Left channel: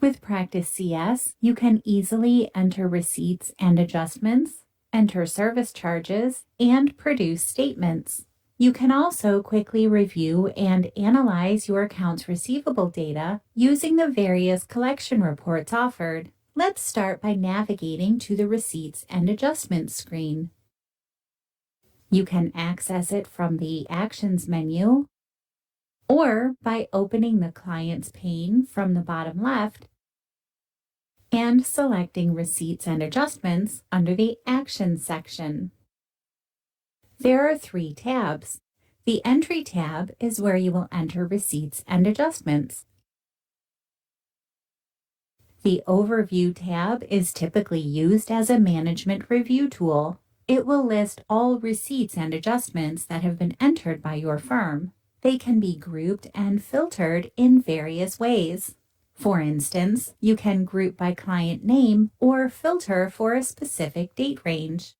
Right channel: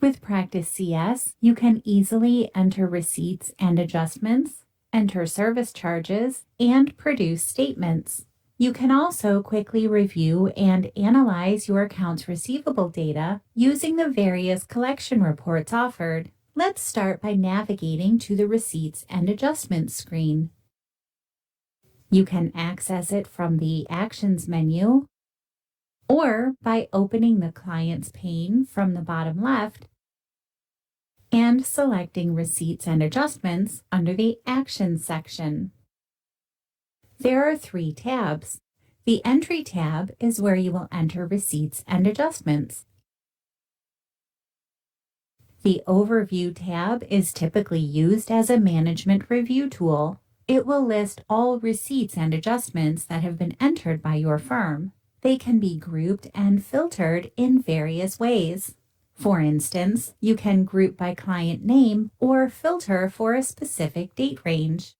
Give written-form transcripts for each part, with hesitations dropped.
With Practice CS, you can easily enter receipts and adjustments, enter service charges, and produce statements. You can also quickly review and analyze your accounts receivable data using the various collection reports offered. Let's start by navigating to the Receipts and Adjustments screen. You can access it from the Actions menu or by opening the Clients pane from the bottom left and selecting Receipts and Adjustments under the Actions section. There are 3 tabs. The Entry tab is where you will enter receipts and adjustments. The Overview tab is typically used as a management review tool. It will list all receipts and adjustments that have been entered by your firm. They can be grouped and filtered in various ways. For instance, you can group by client name or filter for a specific date range.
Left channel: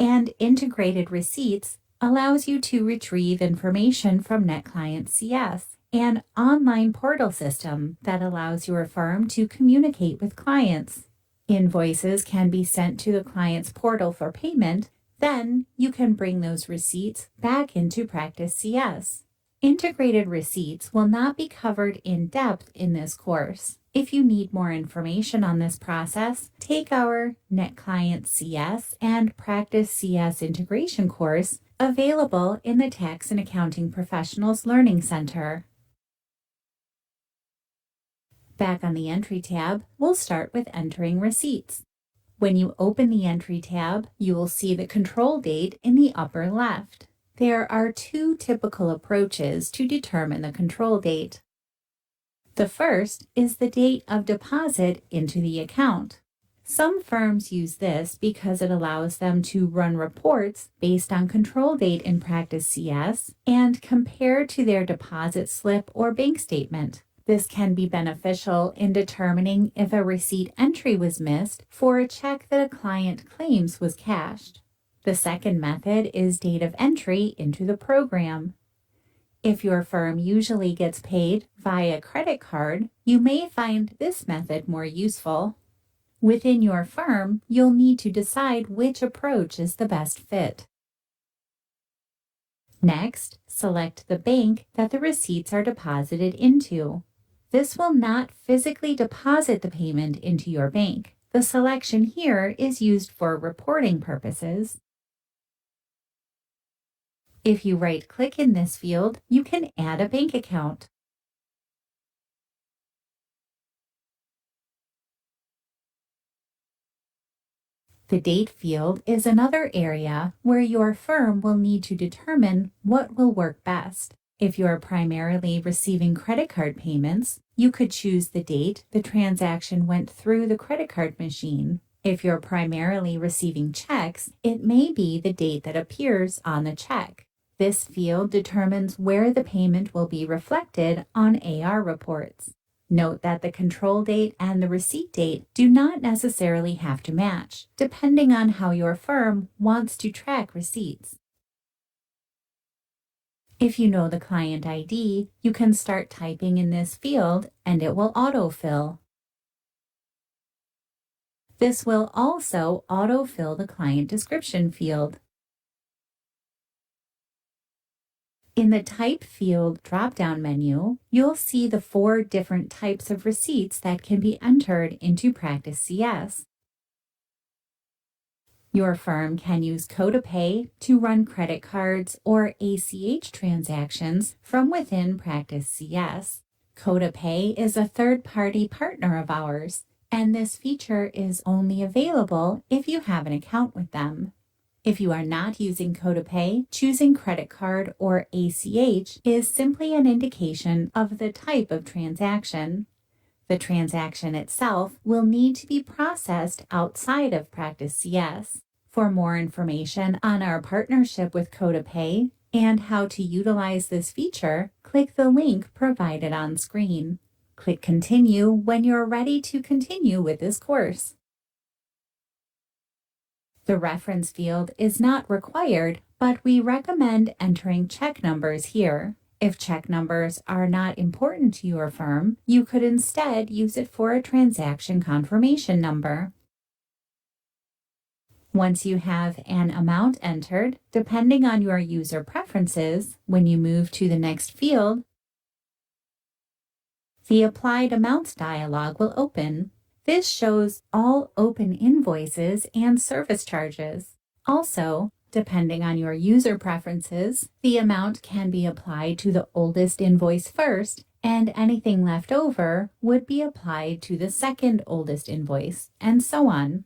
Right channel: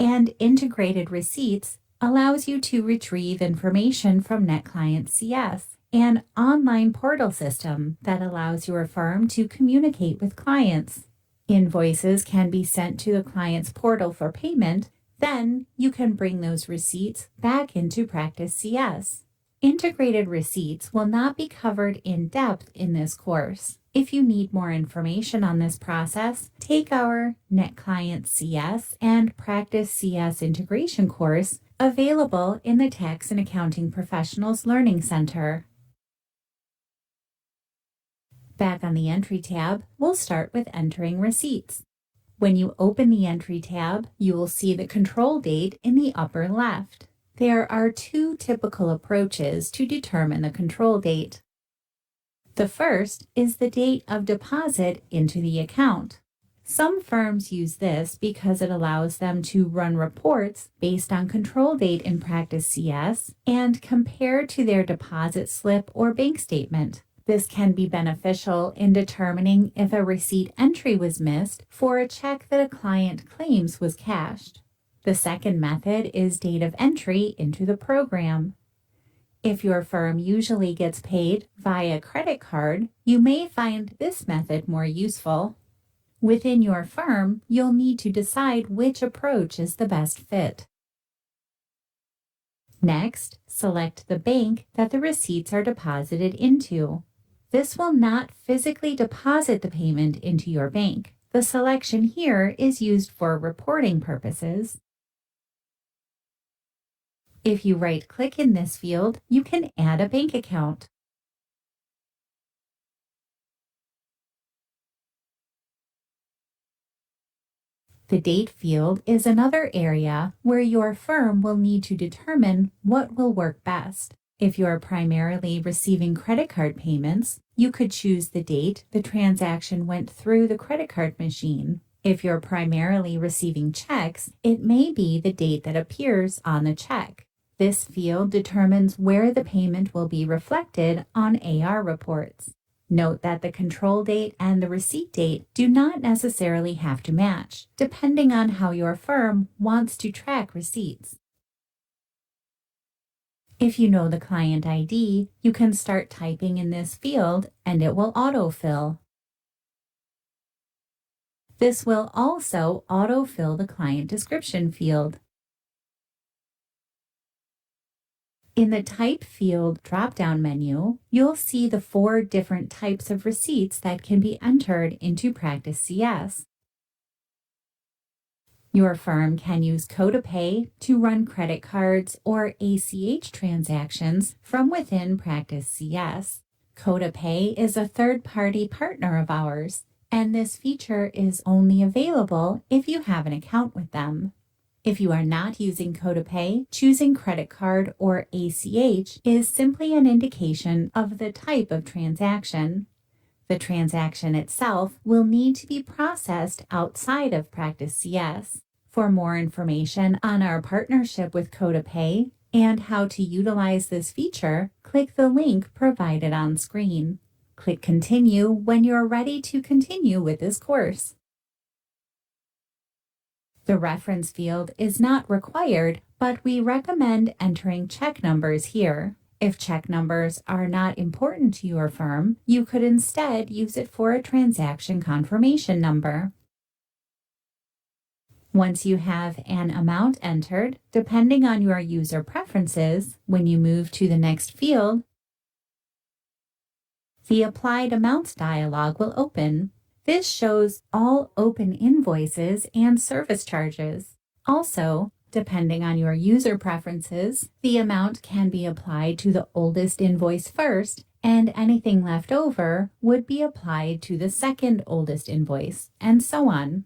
And Integrated Receipts allows you to retrieve information from NetClient CS, an online portal system that allows your firm to communicate with clients. Invoices can be sent to the client's portal for payment. Then you can bring those receipts back into Practice CS. Integrated Receipts will not be covered in depth in this course. If you need more information on this process, take our NetClient CS and Practice CS Integration course available in the Tax and Accounting Professionals Learning Center. Back on the Entry tab, we'll start with entering receipts. When you open the Entry tab, you will see the control date in the upper left. There are 2 typical approaches to determine the control date. The first is the date of deposit into the account. Some firms use this because it allows them to run reports based on control date in Practice CS and compare to their deposit slip or bank statement. This can be beneficial in determining if a receipt entry was missed for a check that a client claims was cashed. The second method is date of entry into the program. If your firm usually gets paid via credit card, you may find this method more useful. Within your firm, you'll need to decide which approach is the best fit. Next, select the bank that the receipts are deposited into. This will not physically deposit the payment into your bank. The selection here is used for reporting purposes. If you right-click in this field, you can add a bank account. The date field is another area where your firm will need to determine what will work best. If you're primarily receiving credit card payments, you could choose the date the transaction went through the credit card machine. If you're primarily receiving checks, it may be the date that appears on the check. This field determines where the payment will be reflected on AR reports. Note that the control date and the receipt date do not necessarily have to match, depending on how your firm wants to track receipts. If you know the client ID, you can start typing in this field and it will autofill. This will also autofill the client description field. In the Type field drop-down menu, you'll see the 4 different types of receipts that can be entered into Practice CS. Your firm can use CodaPay to run credit cards or ACH transactions from within Practice CS. CodaPay is a third-party partner of ours, and this feature is only available if you have an account with them. If you are not using CodaPay, choosing credit card or ACH is simply an indication of the type of transaction. The transaction itself will need to be processed outside of Practice CS. For more information on our partnership with CodaPay and how to utilize this feature, click the link provided on screen. Click Continue when you're ready to continue with this course. The reference field is not required, but we recommend entering check numbers here. If check numbers are not important to your firm, you could instead use it for a transaction confirmation number. Once you have an amount entered, depending on your user preferences, when you move to the next field, the Applied Amounts dialog will open. This shows all open invoices and service charges. Also, depending on your user preferences, the amount can be applied to the oldest invoice first, and anything left over would be applied to the second oldest invoice, and so on.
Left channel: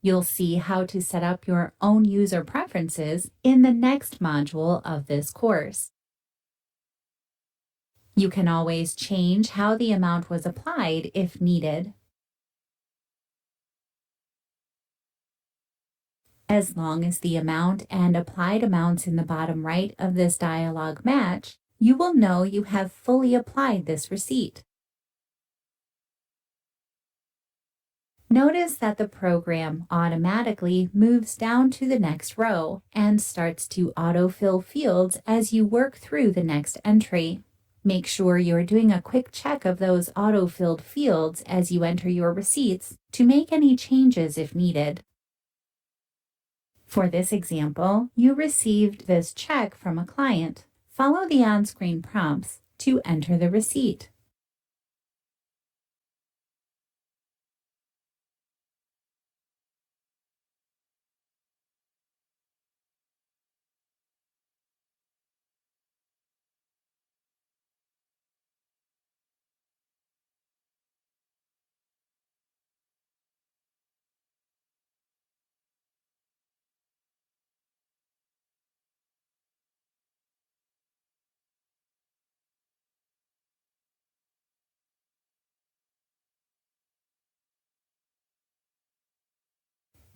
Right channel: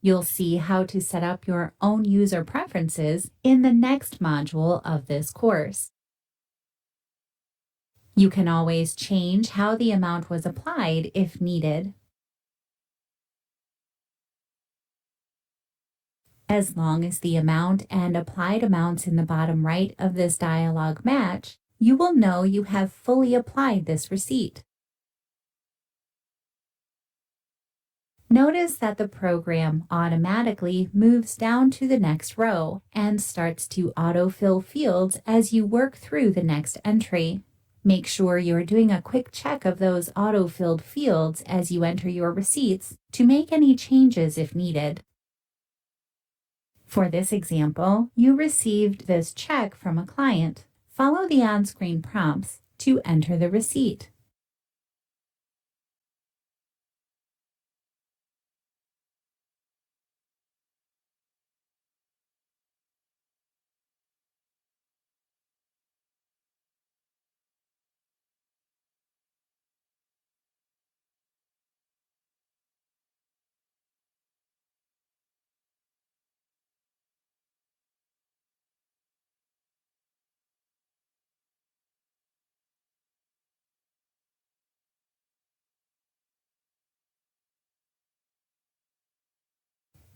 You'll see how to set up your own user preferences in the next module of this course. You can always change how the amount was applied if needed. As long as the amount and applied amounts in the bottom right of this dialog match, you will know you have fully applied this receipt. Notice that the program automatically moves down to the next row and starts to autofill fields as you work through the next entry. Make sure you're doing a quick check of those autofilled fields as you enter your receipts to make any changes if needed. For this example, you received this check from a client. Follow the on-screen prompts to enter the receipt.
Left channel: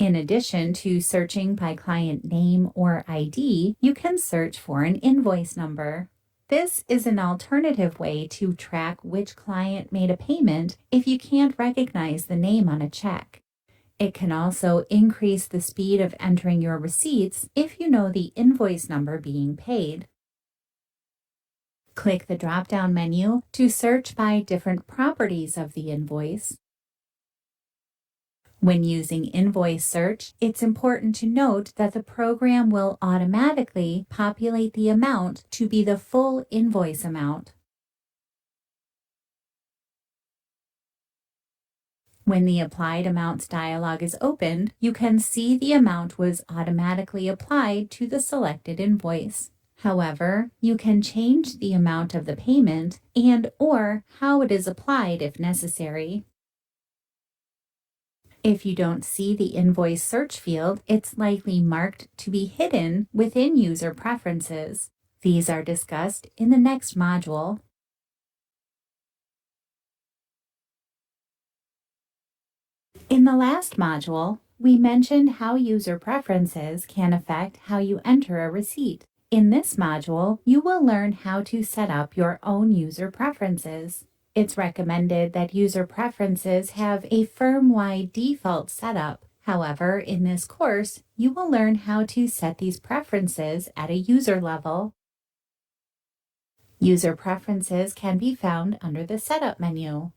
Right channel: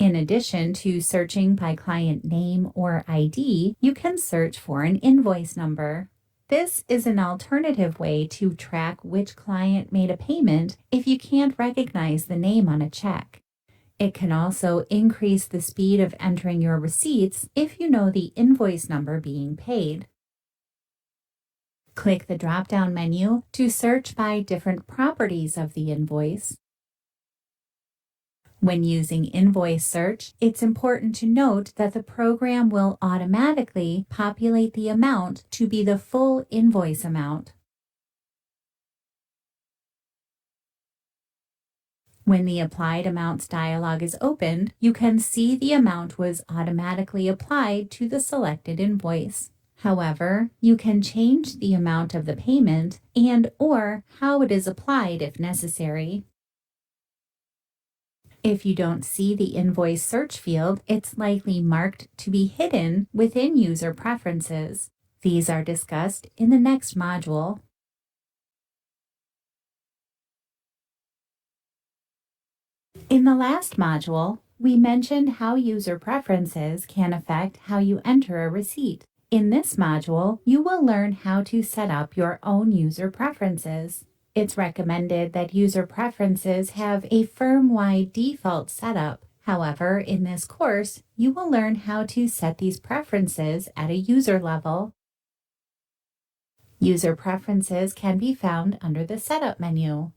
In addition to searching by client name or ID, you can search for an invoice number. This is an alternative way to track which client made a payment if you can't recognize the name on a check. It can also increase the speed of entering your receipts if you know the invoice number being paid. Click the drop-down menu to search by different properties of the invoice. When using invoice search, it's important to note that the program will automatically populate the amount to be the full invoice amount. When the Applied Amounts dialog is opened, you can see the amount was automatically applied to the selected invoice. However, you can change the amount of the payment and/or how it is applied if necessary. If you don't see the invoice search field, it's likely marked to be hidden within user preferences. These are discussed in the next module. In the last module, we mentioned how user preferences can affect how you enter a receipt. In this module, you will learn how to set up your own user preferences. It's recommended that user preferences have a firm-wide default setup. However, in this course, you will learn how to set these preferences at a user level. User preferences can be found under the Setup menu.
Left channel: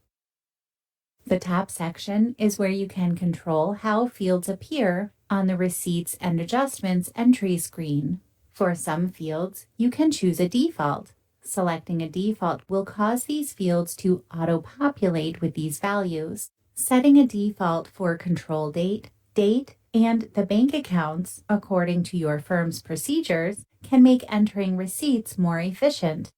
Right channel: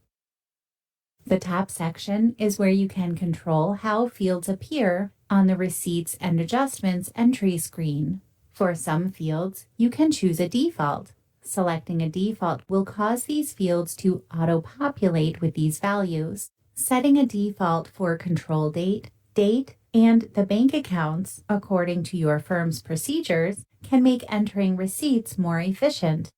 The top section is where you can control how fields appear on the Receipts and Adjustments entry screen. For some fields, you can choose a default. Selecting a default will cause these fields to auto-populate with these values. Setting a default for control date, and the bank accounts according to your firm's procedures can make entering receipts more efficient.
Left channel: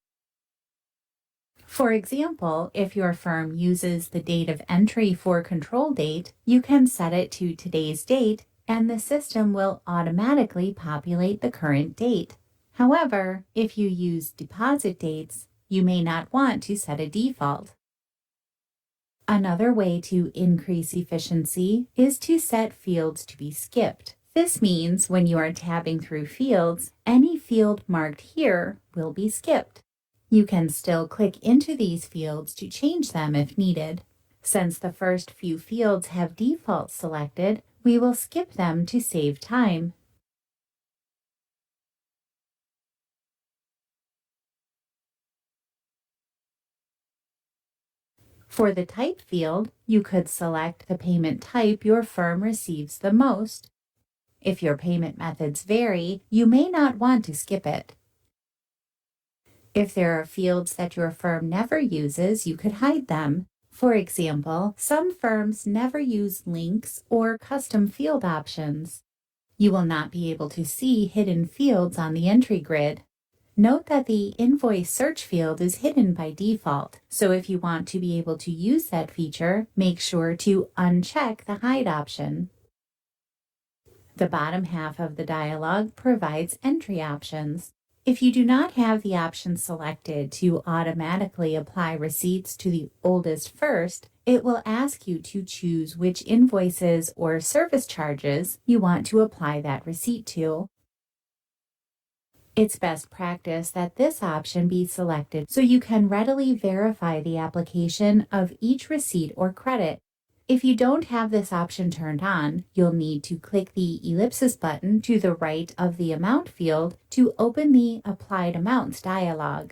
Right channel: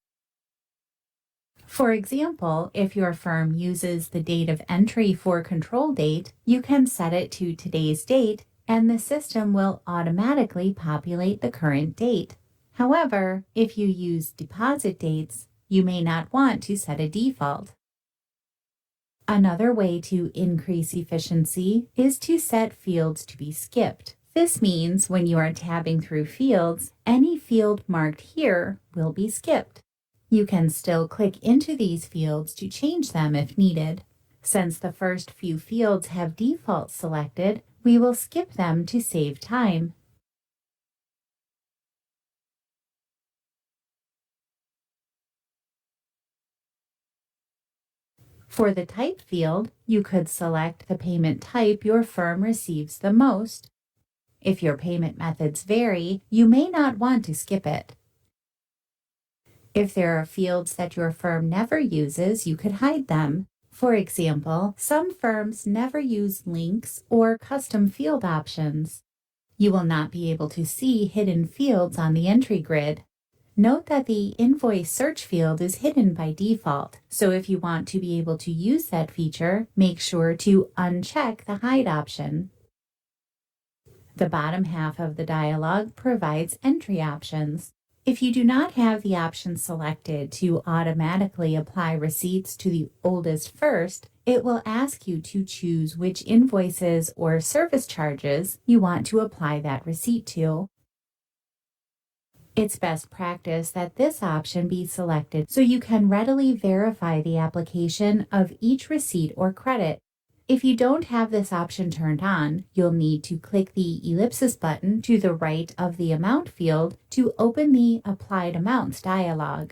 For example, if your firm uses the date of entry for control date, you can set it to today's date and the system will automatically populate the current date. However, if you use deposit dates, you may not want to set a default. Another way to increase efficiency is to set fields to be skipped. This means when you are tabbing through fields, any field marked here will be skipped. You can still click into these fields to change them if needed. Since the first few fields have defaults selected, we will skip them to save time. For the type field, you could select the payment type your firm receives the most. If your payment methods vary, you may not want to skip it. If there are fields that your firm never uses, you could hide them. For example, some firms never use links or custom field options. You will not be able to see hidden fields on the entry grid. Note that the invoice search field is hidden by default, so if you want to be able to use that feature, make sure to uncheck the hide option. The bottom half of the dialog provides entry options. If you do not have the option selected to automatically apply receipts to the oldest first, it will ask you to choose which invoices or service charges you want to apply that receipt to. It's best practice that this option be selected so you can readily verify the application of each receipt or credit. If you don't have this option turned on, you'll need to click the ellipsis button to the right of the amount field to open the Applied Amounts dialog.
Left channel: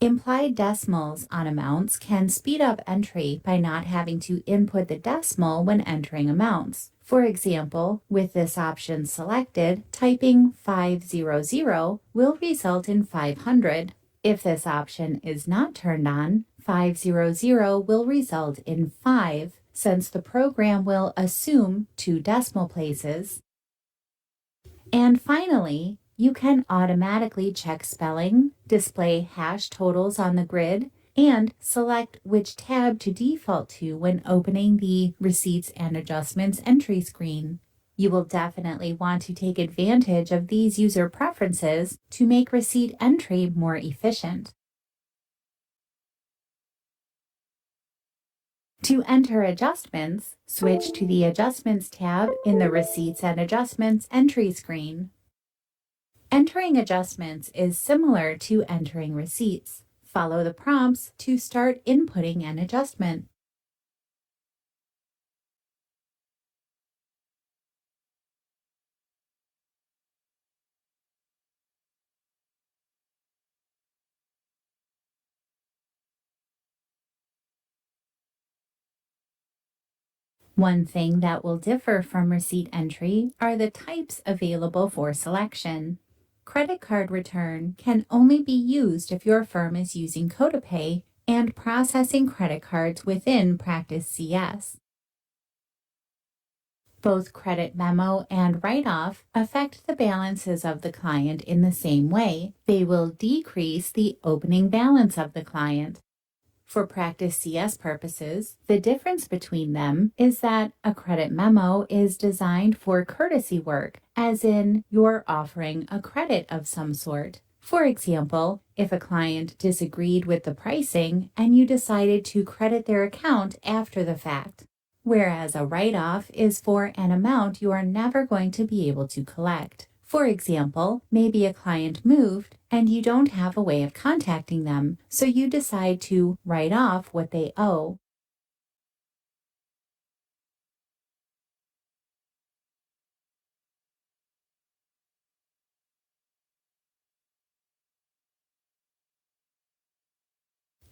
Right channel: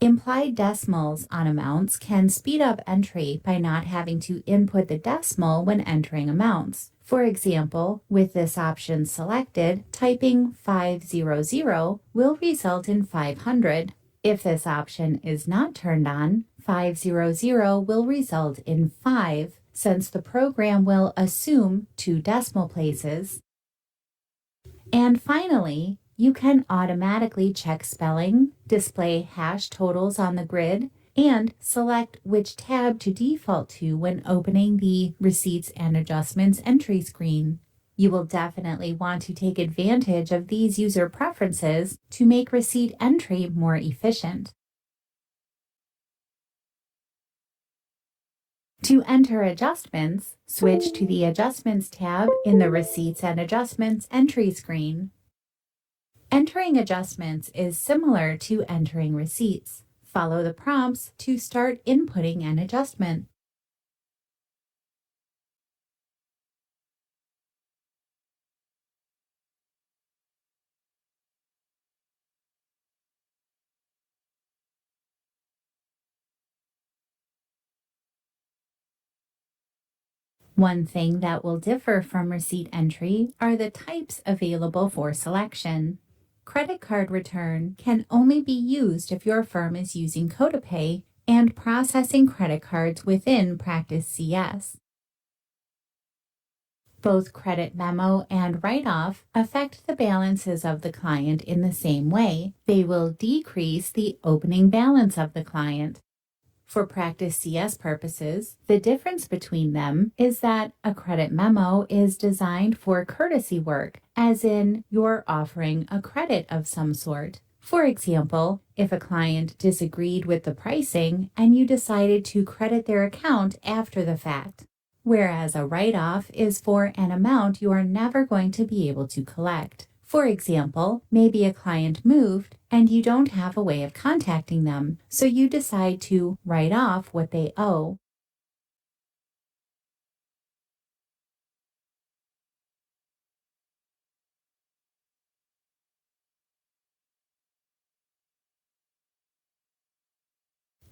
Implied decimals on amounts can speed up entry by not having to input the decimal when entering amounts. For example, with this option selected, typing 500 will result in 500. If this option is not turned on, 500 will result in 5, since the program will assume 2 decimal places. And finally, you can automatically check spelling, display hash totals on the grid, and select which tab to default to when opening the Receipts and Adjustments entry screen. You will definitely want to take advantage of these user preferences to make receipt entry more efficient. To enter adjustments, switch to the Adjustments tab in the Receipts and Adjustments entry screen. Entering adjustments is similar to entering receipts. Follow the prompts to start inputting an adjustment. One thing that will differ from receipt entry are the types available for selection. Credit card return can only be used if your firm is using CodaPay and processing credit cards within Practice CS. Both credit memo and write-off affect the balances of the client in the same way. They will decrease the opening balance of the client. For Practice CS purposes, the difference between them is that a credit memo is designed for courtesy work, as in you're offering a credit of some sort. For example, if a client disagreed with the pricing and you decided to credit their account after the fact. Whereas a write-off is for an amount you are never going to be able to collect. For example, maybe a client moved and you don't have a way of contacting them, so you decide to write off what they owe.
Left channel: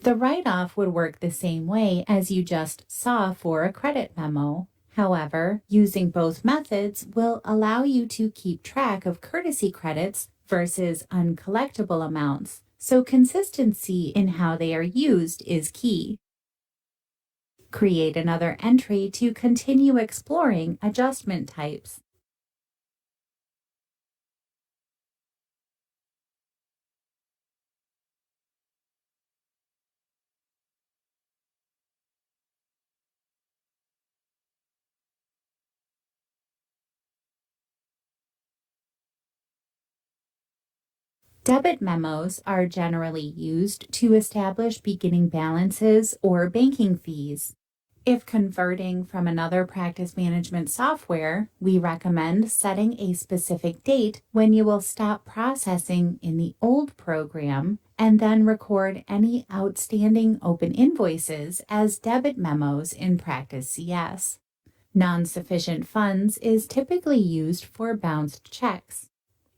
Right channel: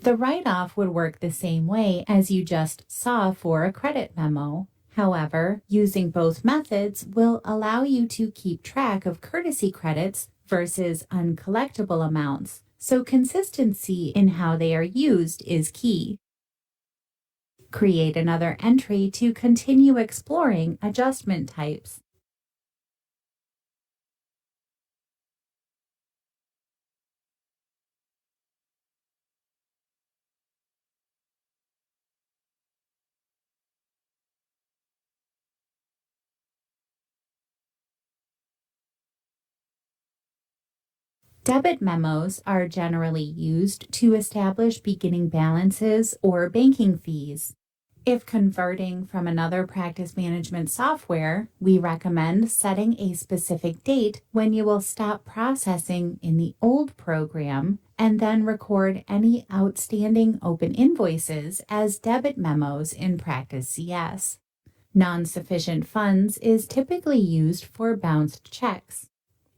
The write-off would work the same way as you just saw for a credit memo. However, using both methods will allow you to keep track of courtesy credits versus uncollectible amounts, so consistency in how they are used is key. Create another entry to continue exploring adjustment types. Debit memos are generally used to establish beginning balances or banking fees. If converting from another practice management software, we recommend setting a specific date when you will stop processing in the old program and then record any outstanding open invoices as debit memos in Practice CS. Non-sufficient funds is typically used for bounced checks.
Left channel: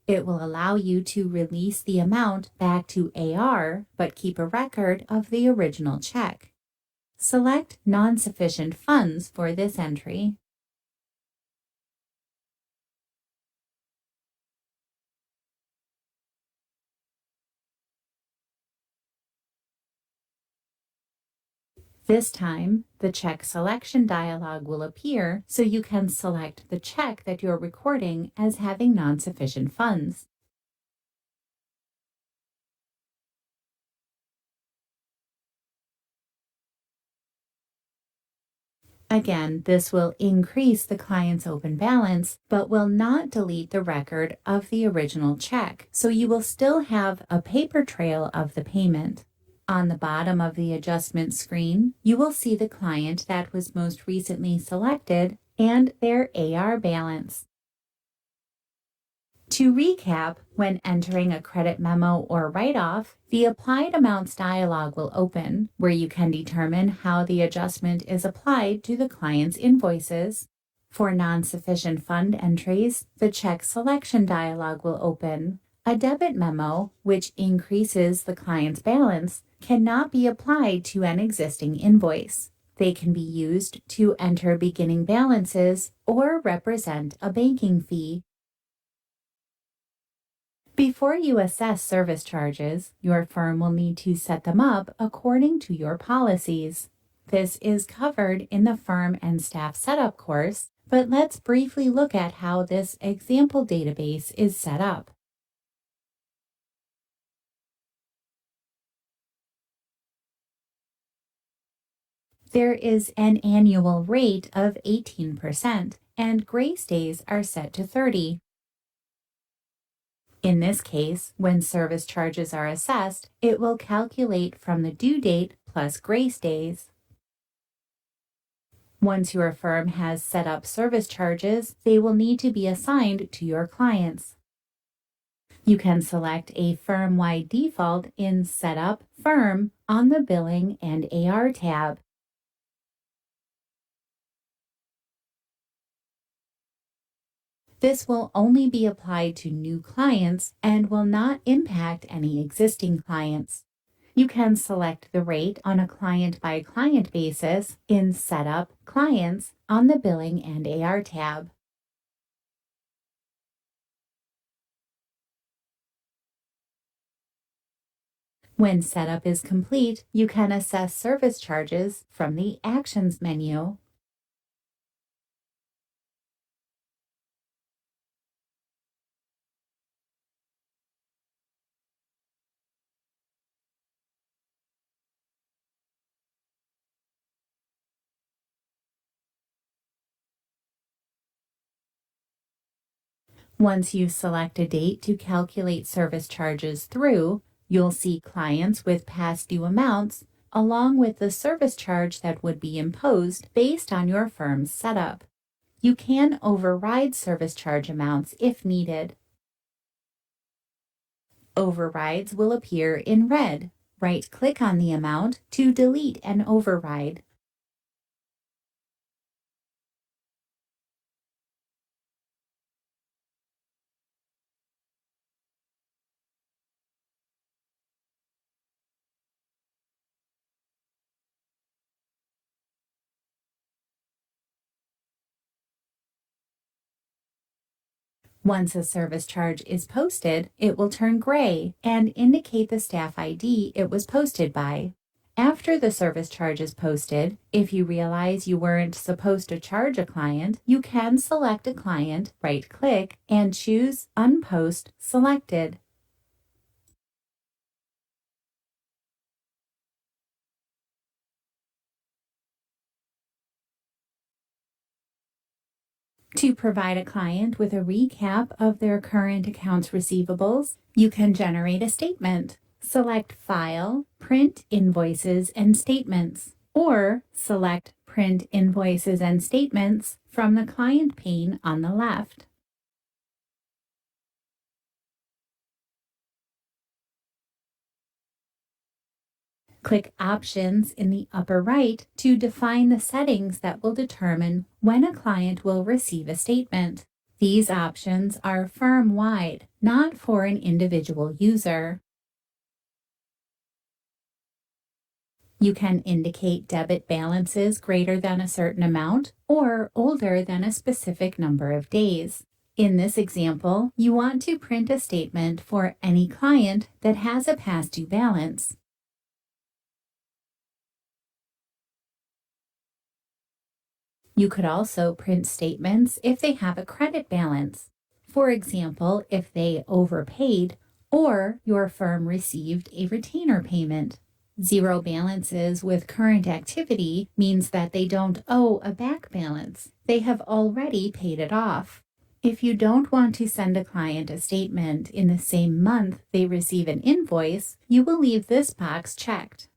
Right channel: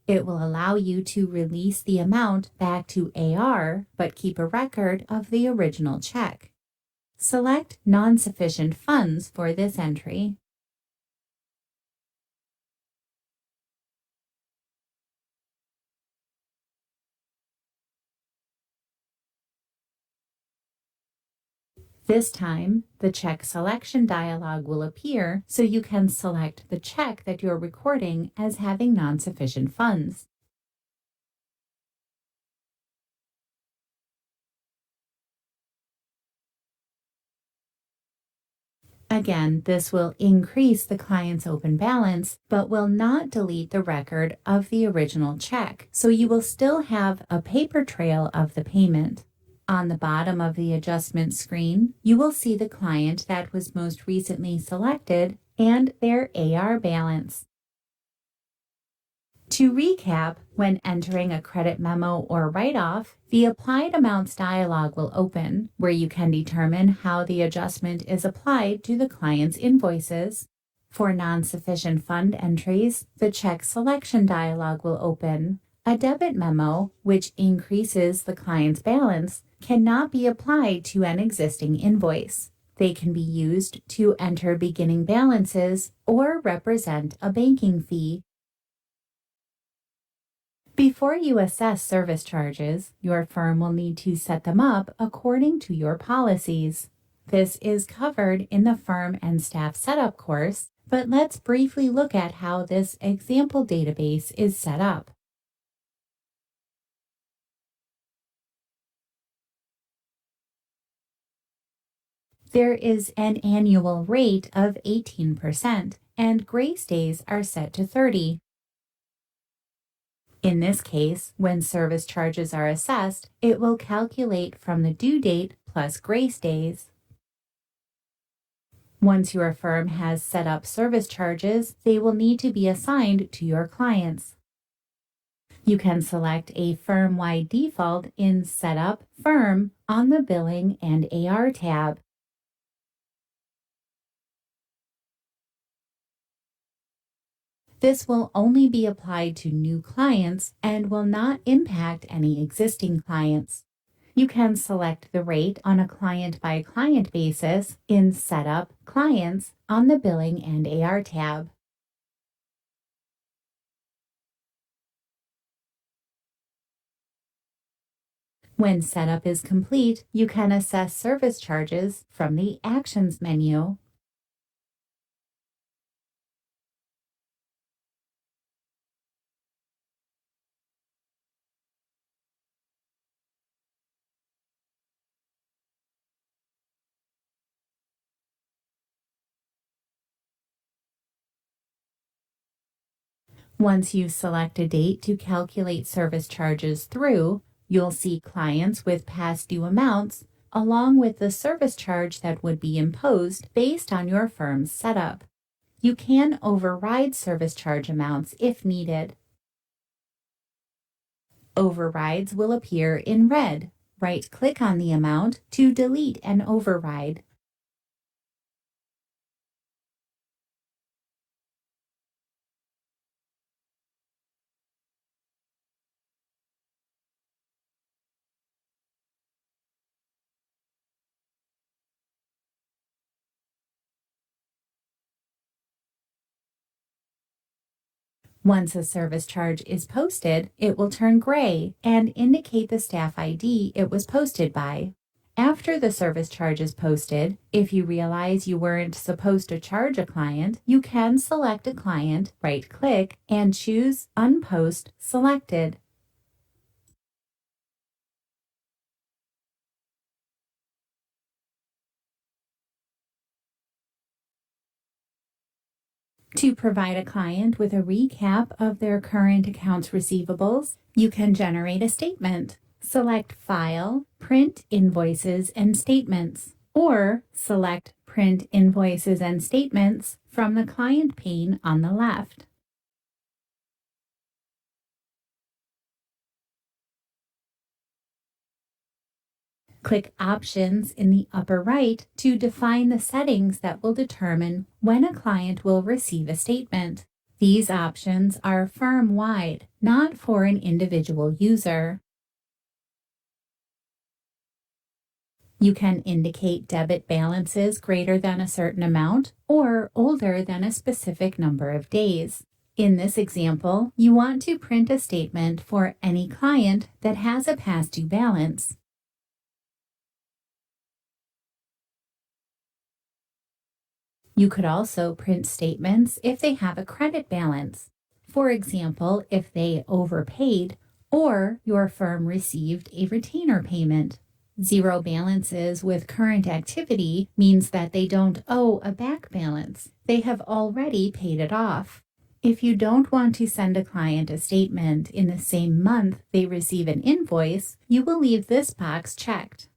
It will allow you to release the amount back to AR, but keep a record of the original check. Select Non-Sufficient Funds for this entry. This time, the check selection dialog will appear so you can select the check that you're recording as having non-sufficient funds. Again, this will increase the client's open balance, but will not delete the record of the original check, so you will still have a paper trail of the payment. On the bottom of the adjustment screen, you will see the client that was most recently selected and their AR balance. To recap, when entering a credit memo or write-off, the Applied Amounts dialog will open, where you can determine how the adjustment is applied to the client's invoices. For non-sufficient fund entries, the Check Selection dialog will open. A debit memo, which increases the client's balance, cannot be applied to an existing invoice. They can be used to enter beginning balances or represent a banking fee. Before you assess service charges, your firm will need to set them up according to your policies. This is covered in the Firm and Staff Setup course, but let's briefly look at how this example database is set up. There is an annual rate of 18%, and grace days are set to 30. In this case, when service charges are assessed, it will calculate from the due date plus grace days. Once your firm has set up service charges, they will need to be assigned to your clients. You can select a firm-wide default in Setup Firm on the Billing and AR tab. This will only be applied to new clients and will not impact any existing clients. You can select the rate on a client-by-client basis in Setup Clients on the Billing and AR tab. When setup is complete, you can assess service charges from the Actions menu. Once you select a date to calculate service charges through, you'll see clients with past due amounts, along with the service charge that would be imposed based on your firm's setup. You can override service charge amounts if needed. Overrides will appear in red. Right-click on the amount to delete an override. Once a service charge is posted, it will turn gray and indicate the staff ID it was posted by. After the service charge is posted, if you realize you weren't supposed to charge a client, you can select a client, right-click, and choose Unpost Selected. To provide a client with a recap of their current accounts receivables, you can generate a statement. Select File, Print Invoices and Statements, or select Print Invoices and Statements from the client pane on the left. Click Options in the upper right to define the settings that will determine when a client will receive a statement. These options are firm-wide, not for an individual user. You can indicate debit balances greater than a certain amount or older than a specific number of days. In this example, you want to print a statement for any client that has a past due balance. You could also print statements if they have a credit balance. For example, if they overpaid or your firm received a retainer payment. Zero balances with current activity means that they don't owe a back balance. They have already paid it off. If you don't want to send a client a statement in the same month they receive an invoice, you will leave this box checked.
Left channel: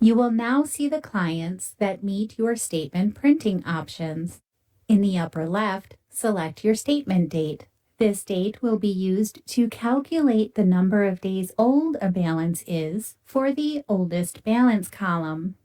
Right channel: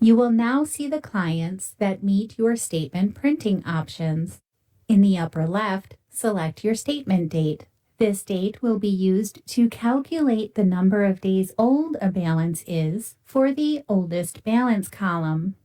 You will now see the clients that meet your statement printing options. In the upper left, select your statement date. This date will be used to calculate the number of days old a balance is for the oldest balance column.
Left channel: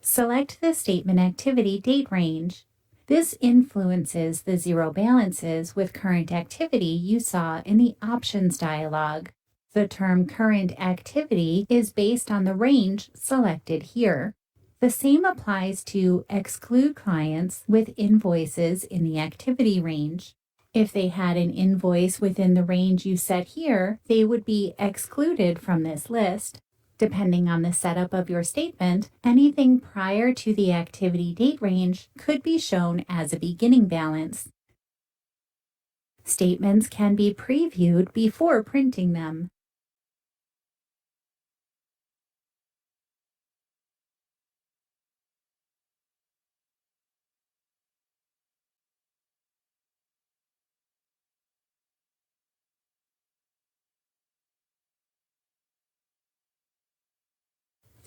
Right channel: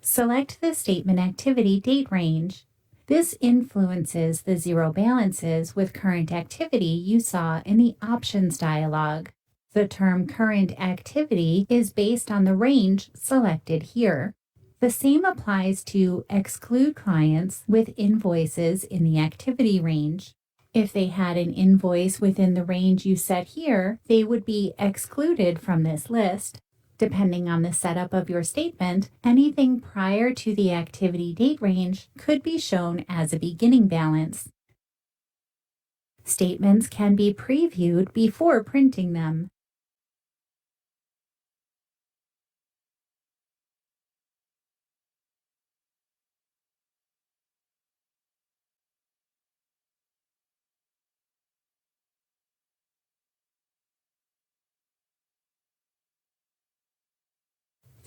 Select the statement activity date range. This influences the zero balances with current activity you saw in the options dialog. The term current activity is based on the range selected here. The same applies to exclude clients with invoices in the activity range. If they had an invoice within the range you set here, they would be excluded from this list. Depending on the setup of your statement, anything prior to the activity date range could be shown as a beginning balance. Statements can be previewed before printing them.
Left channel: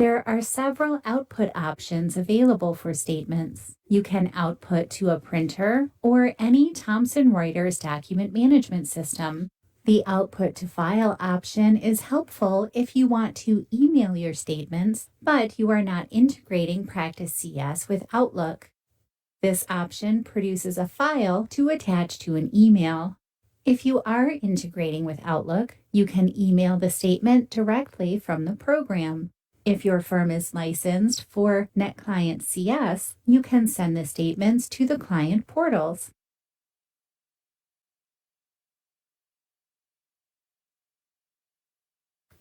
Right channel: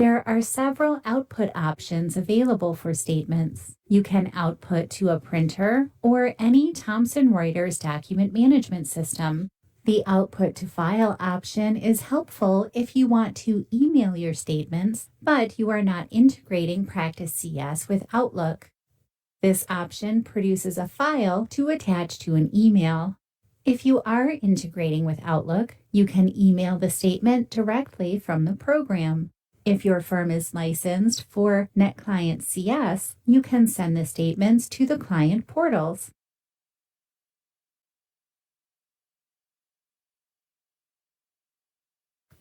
There are several output options available for statements. You can output to a printer or any Thomson Reuters document management system. The output to file option is helpful if you want to email your statements, but you are not integrating Practice CS with Outlook. This option produces a file to attach to an email. If you are integrating with Outlook, you can email the statement directly from the program. If your firm is licensed for NetClient CS, you can send the statements to the client portals.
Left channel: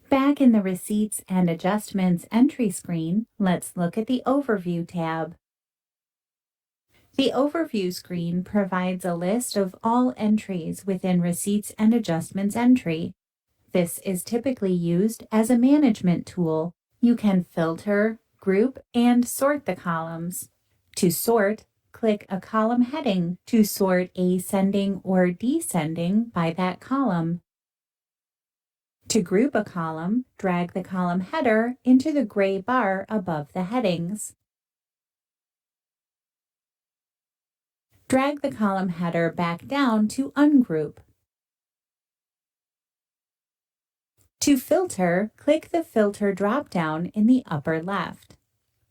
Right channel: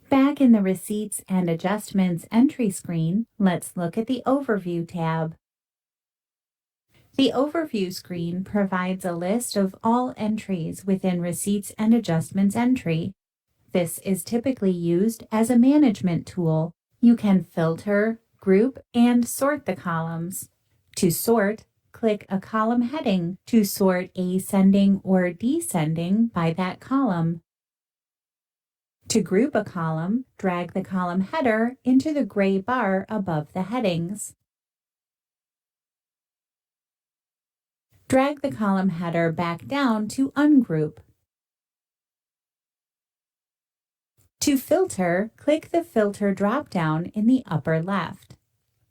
Back in the Receipts and Adjustments entry screen, let's look at the Overview tab. The Overview screen provides a list of all entries within Receipts and Adjustments entry. This is typically used as a management tool. You can filter, group, and sort the columns. To sort, click a column heading to sort ascending or descending by that column. To group a column, drag the column header into the gray bar above the headings. Drag the column header back down to ungroup. To filter, click the Filter drop-down in the upper left.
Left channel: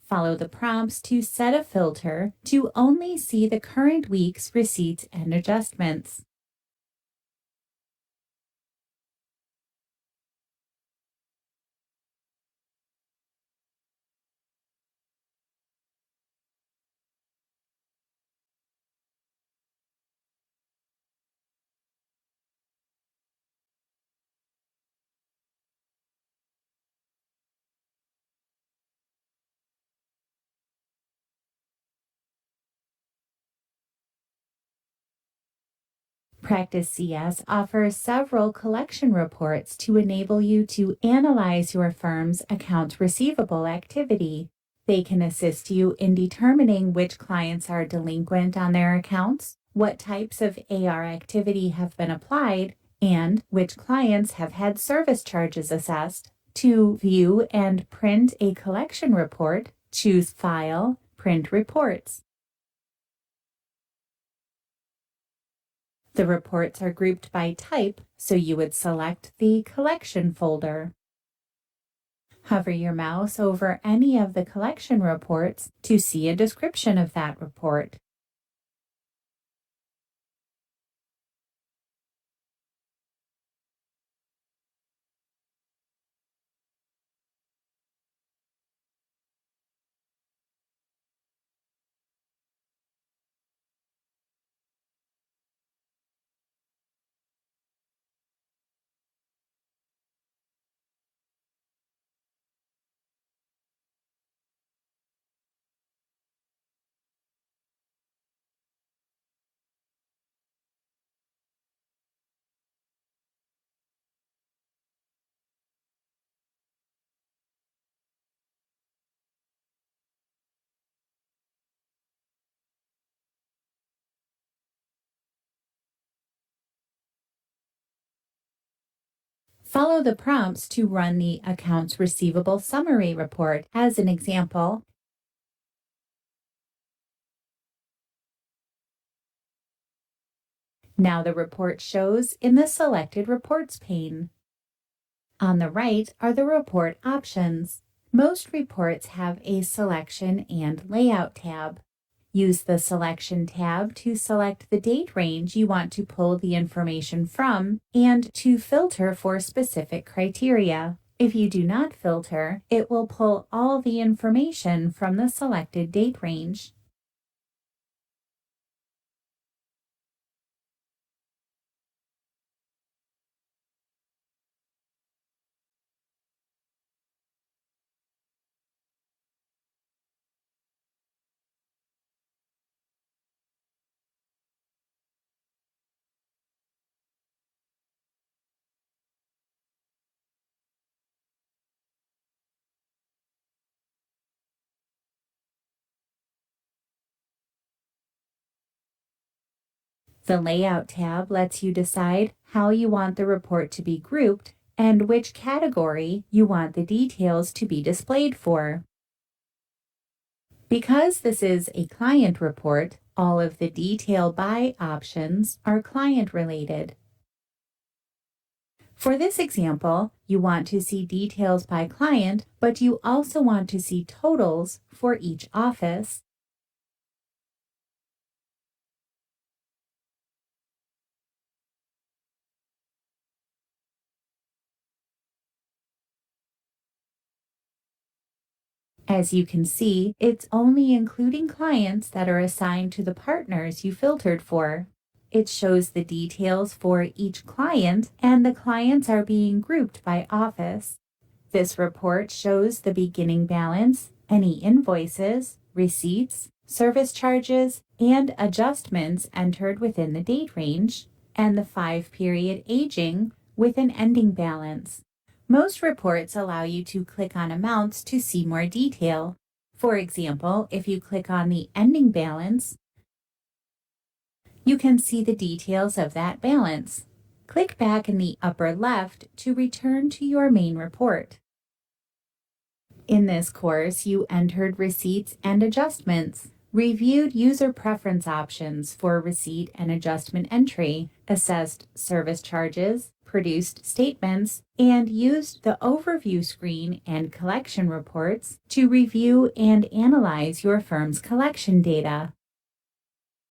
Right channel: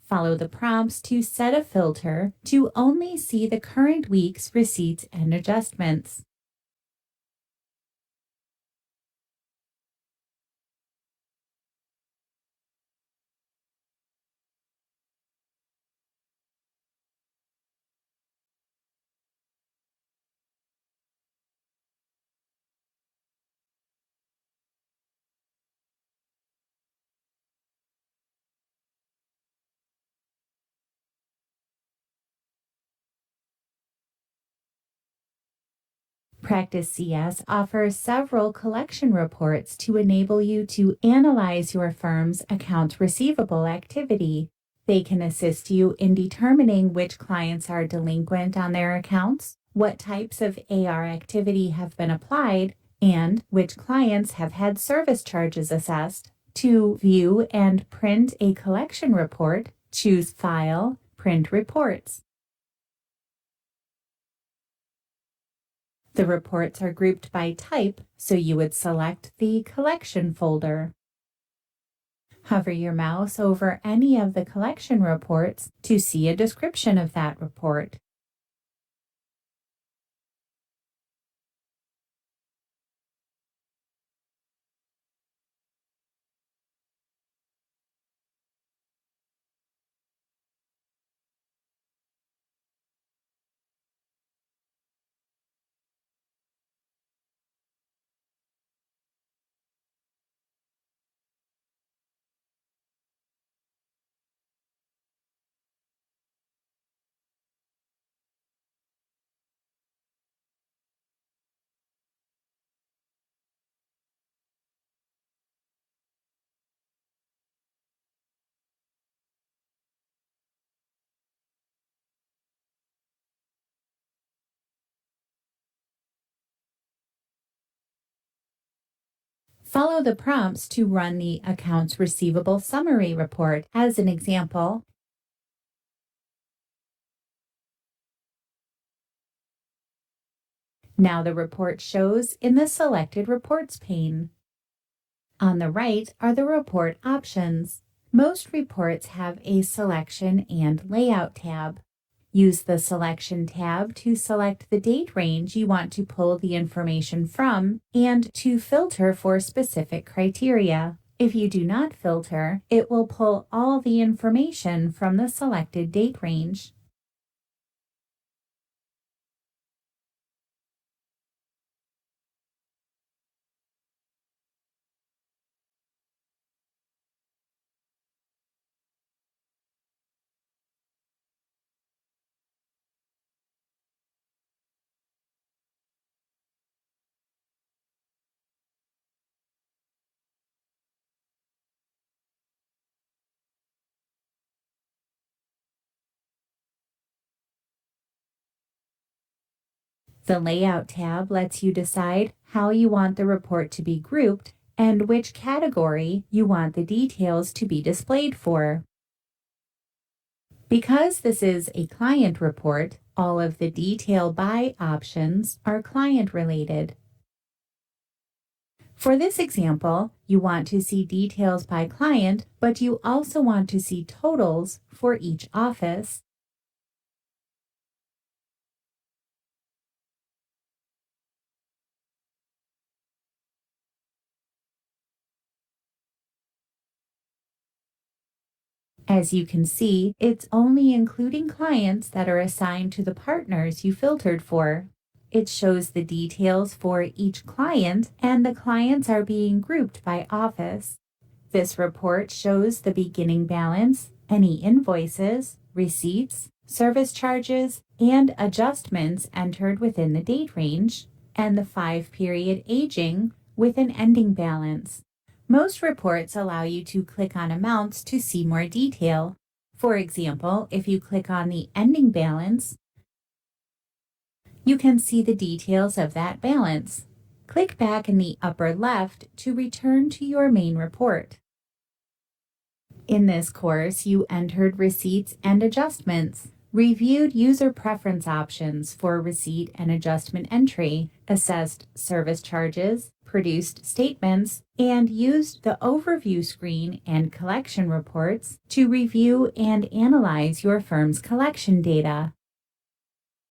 Follow the prompts to set a filter to only see the current week's receipts and adjustments. Practice CS offers several collection reports to enable you to analyze your firm's accounts receivable activity. They can assist you in determining which clients are delinquent on their accounts, what types of AR activity have been applied, and which clients have had service charges assessed. To view and print a collection report, choose File, Print Reports. The reports are grouped by type, so you would select the collection folder. Hover your mouse over any of the collection reports to see a description of that report. Follow the prompts to run the Accounts Receivable Summary Report as an example. Now the report shows in the Selected Reports pane. On the right are the report options. Most reports have a Selection and Layout tab. Use the Selection tab to select the date range you want to pull the information from and to filter for specific criteria. If you do not filter, it will pull all the information from the selected date range. The Layout tab lets you decide how you want the report to be grouped and which category you want the details to be displayed for. Because this is a client report, all of the Detail By options are client-related. For this example, you want to see details by client, but you also want to see totals for each office. As you can see, it's only including clients that are assigned to the partners you filtered for. It shows the details for each client, and the clients are being grouped by office. This report shows the beginning balance, any invoices, receipts, service charges, and adjustments entered within the date range, and the 5-period aging with an ending balance. Most reports allow you to click on amounts to see more detail. For example, if you click on the ending balance, you can see the details of that balance. Click back in the upper left to return to your main report. In this course, you entered receipts and adjustments, reviewed user preference options for receipt and adjustment entry, assessed service charges, produced statements, and used the overview screen and collection reports to review and analyze your firm's collection data.